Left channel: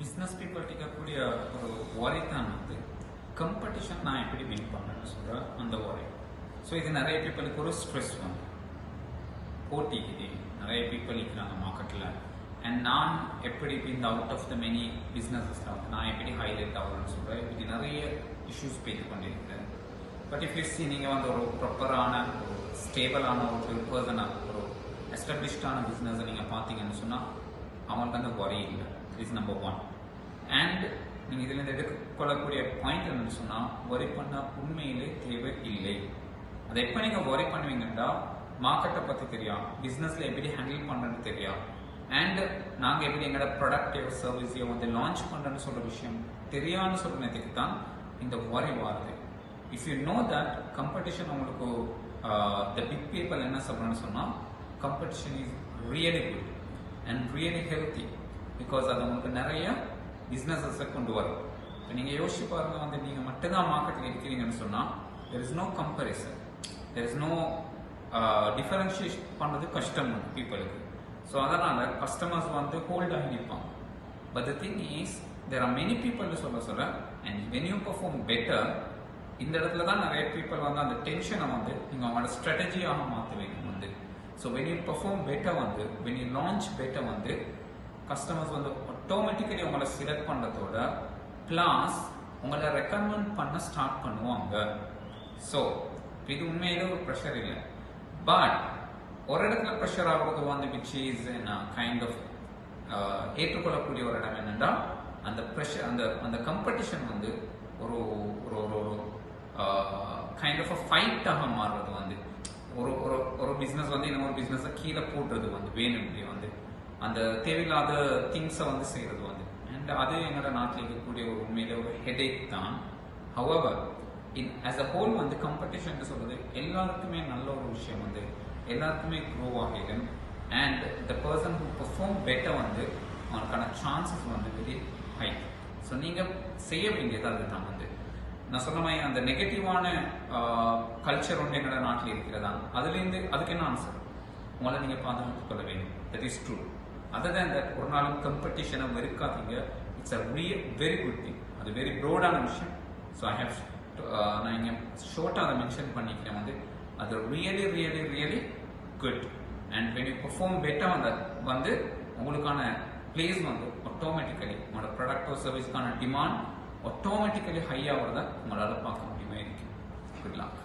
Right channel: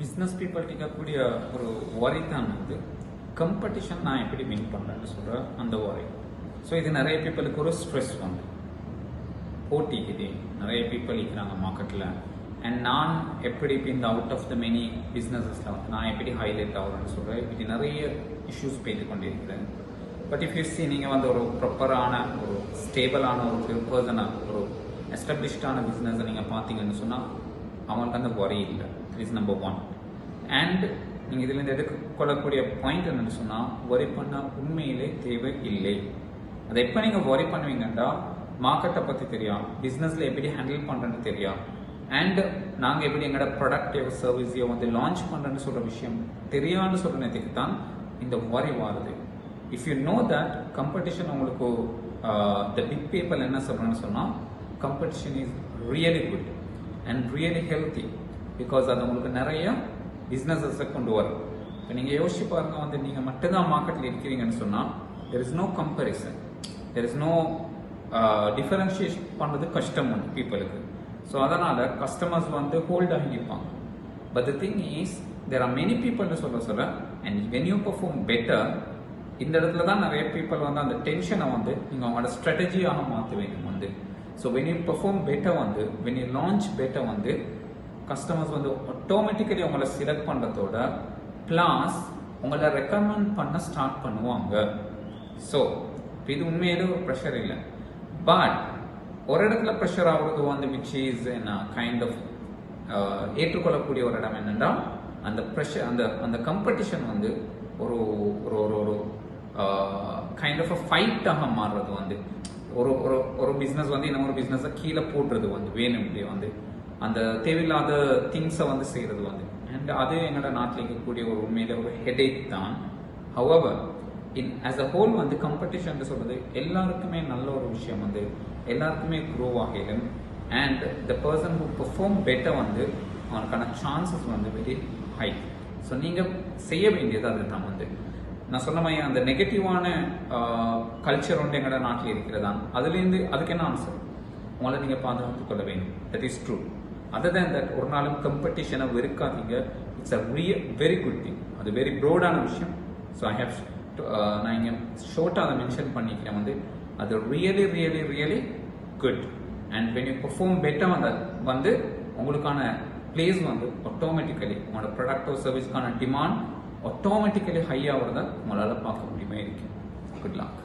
Business people கேட்கக்கூடிய ஒரு worry தான் வந்து கம்படிஷன் நான் எப்படி வின் பண்ணுறேன்னு சொல்கிற அந்த worry. ஸோ இது நிறைய பீப்புளுக்கு ஒரு ஸ்ட்ரெஸ் வந்து போட்டிக்குது. நிறைய பீப்புள் இருக்கிறாங்க மார்க்கெட்டில். அண்ட் நான் எப்படி இந்த அவுட் ஆஃப் த மெனி பிஸ்னஸஸில் வந்து நான் எப்படி ஹைலைட் ஆகிறேன்னு சொல்கிறேன். இப்படி நிறைய இஷ்யூஸ் போய்த்து கொண்டிருக்கிறேன். பட் இஃப் யூ சி நீங்கள் வந்து ஒரு ப்ராப்பரான ஒரு ஸ்டேபிளான ஒரு பர்சனாக ஒரு எஸ்டாப்ளிஷ்டான பிஸ்னஸை நீங்கள் பார்த்தீங்கன்னு சொன்னால் அவங்களுக்கு அந்த worry இல்லை. Is number 1. அண்ட் நீங்கள் இதுலேருந்து எடுத்துக்கொள்ளக்கூடிய பாயிண்ட் என்னென்னு சொன்னால் worry பண்ண உண்மையிலே தேவை இல்லை. அதை எப்போ நீங்கள் worry பண்ணுவீங்கன்னா மார்க்கெட்டை பற்றி தெரியும், பிஸ்னஸில் எப்படி ஹேண்டில் பண்ணுறேன்னு தெரியும், அண்ட் நாங்கள் எப்படி எங்களோட ப்ராடக்ட் சர்வீஸையோ வந்து லான்ச் பண்ணுறேன்னு சொல்கிற விஷயம் தெரியான்னு சொல்கிற நேரத்துக்கு தான் இந்த worry வருது. If you know that competition உங்களுக்கு த பிக் பீப்புள் என்ன சொல்கிறேன்னு சொன்னால் competition is really good and really healthy. Because அது உங்களுக்கு நிறைய பிஸ்னஸஸை கொண்டு வரும். இப்போ நீங்கள் யோசிச்சு பாருங்கள், வந்து நீங்கள் மட்டும்தான் மார்க்கெட்டில் இருக்கிறீங்கன்னு சொன்னால் there is no comparison, there is no differentiation பண்ணுறது கஷ்டம் வந்து பீப்புளுக்கு. ஸோ அதனால் கஸ்டமர்ஸ் வந்து ஹோல்ட் ஆகி நிற்பாங்க. But the thing is there are many பீப்புள்னு சொல்ல and when you perform better, இந்த இடத்துல தான் நிறைய பீப்புள் வந்து அந்த டென்ஷனை வந்து நீங்கள் அவங்களோட ஸ்ட்ராட்டஜியாக மாற்றுவீங்க வந்து. So when you perform better வந்து வென் யூ லான்ச் பெட்டர் வந்து கஸ்டமர்ஸ் வந்து ஆட்டோமேட்டிக்கலி உங்களை செலக்ட் பண்ணுறதோட ப்ளஸ் உங்களை ரெக்கமெண்ட் பண்ண ஸ்டார்ட் பண்ணுவாங்க. ஸோ இது உண்மையிலே ஒரு ப்ரெஷர் இல்லை. பட் ஒரு இடத்துல ப்ரெஷர் ஆகுறது வந்து விச் இஸ் கைண்ட் ஆஃப் ஏற்றுக்கொள்ளக்கூடிய ஒரு இடம் என்னென்னா அந்த ப்ரெஷர் அந்த கம்படிஷன் வந்து ஒரு ஒரு ஒரு கைண்ட் ஆஃப் அ ஃபைட்டாக மாறுறது வந்து ஒரு ஒரு பிஸ்னஸ் வந்து இன்னொரு பிஸ்னஸை கீழே போடுறது வந்து வேணும்னே வந்து அந்த தேவையில்லாத திங்ஸை வந்து செய்கிறது வந்து. அண்ட் அது என்னோட நாட்டில் இருக்கக்கூடிய ஒரு உண்மையில ஒரு ஹெடேக் தான். ஹவவர் ஆஸ் அ ஹோல் வந்து கம்படிஷன் சொல்றது எல்லாருக்குமே நல்ல ஒரு விஷயம் வந்து எல்லாருக்குமே க்ரோ ஆகிடும். And the person who perform better வந்து அவனுக்கான சான்சஸ் வந்து வெரி ஹை. ஸோ நீங்கள் செய்ய வேண்டியது அதுதான் வந்து நான் சொன்ன மாதிரி அந்த நெகட்டிவான கல்ச்சர் வந்து எங்களோட நாட்டில் இருக்கிறதா, அதுலேருந்து அதுக்கு என்ன ஆன்சர், உங்களை நீங்கள் பாதுகாத்துக் கொள்ள வேண்டும். That is true. Other than that ஒரு நாளும் கம்படிஷனை வெறுக்காதீங்க. It's a very good thing. அது வெரி ப்ரோடான விஷயம். ஸோ ஐ ஹேவ் நான் இங்கே ஷோர்ட்டாக அதை மென்ஷன் பண்ணிக்கிறேன் வந்து அது really really really good. And when you perform better வந்து உங்களுக்கான பிளேஸ் வந்து ஆட்டோமேட்டிக்கலி உங்களோட ப்ராடக்டோ சர்வீஸ்க்கான டிமாண்ட் ஆட்டோமேட்டிக்கலி ஹை ஆகிறத உங்களால் பார்க்க முடியுமா இருக்கும். Good luck.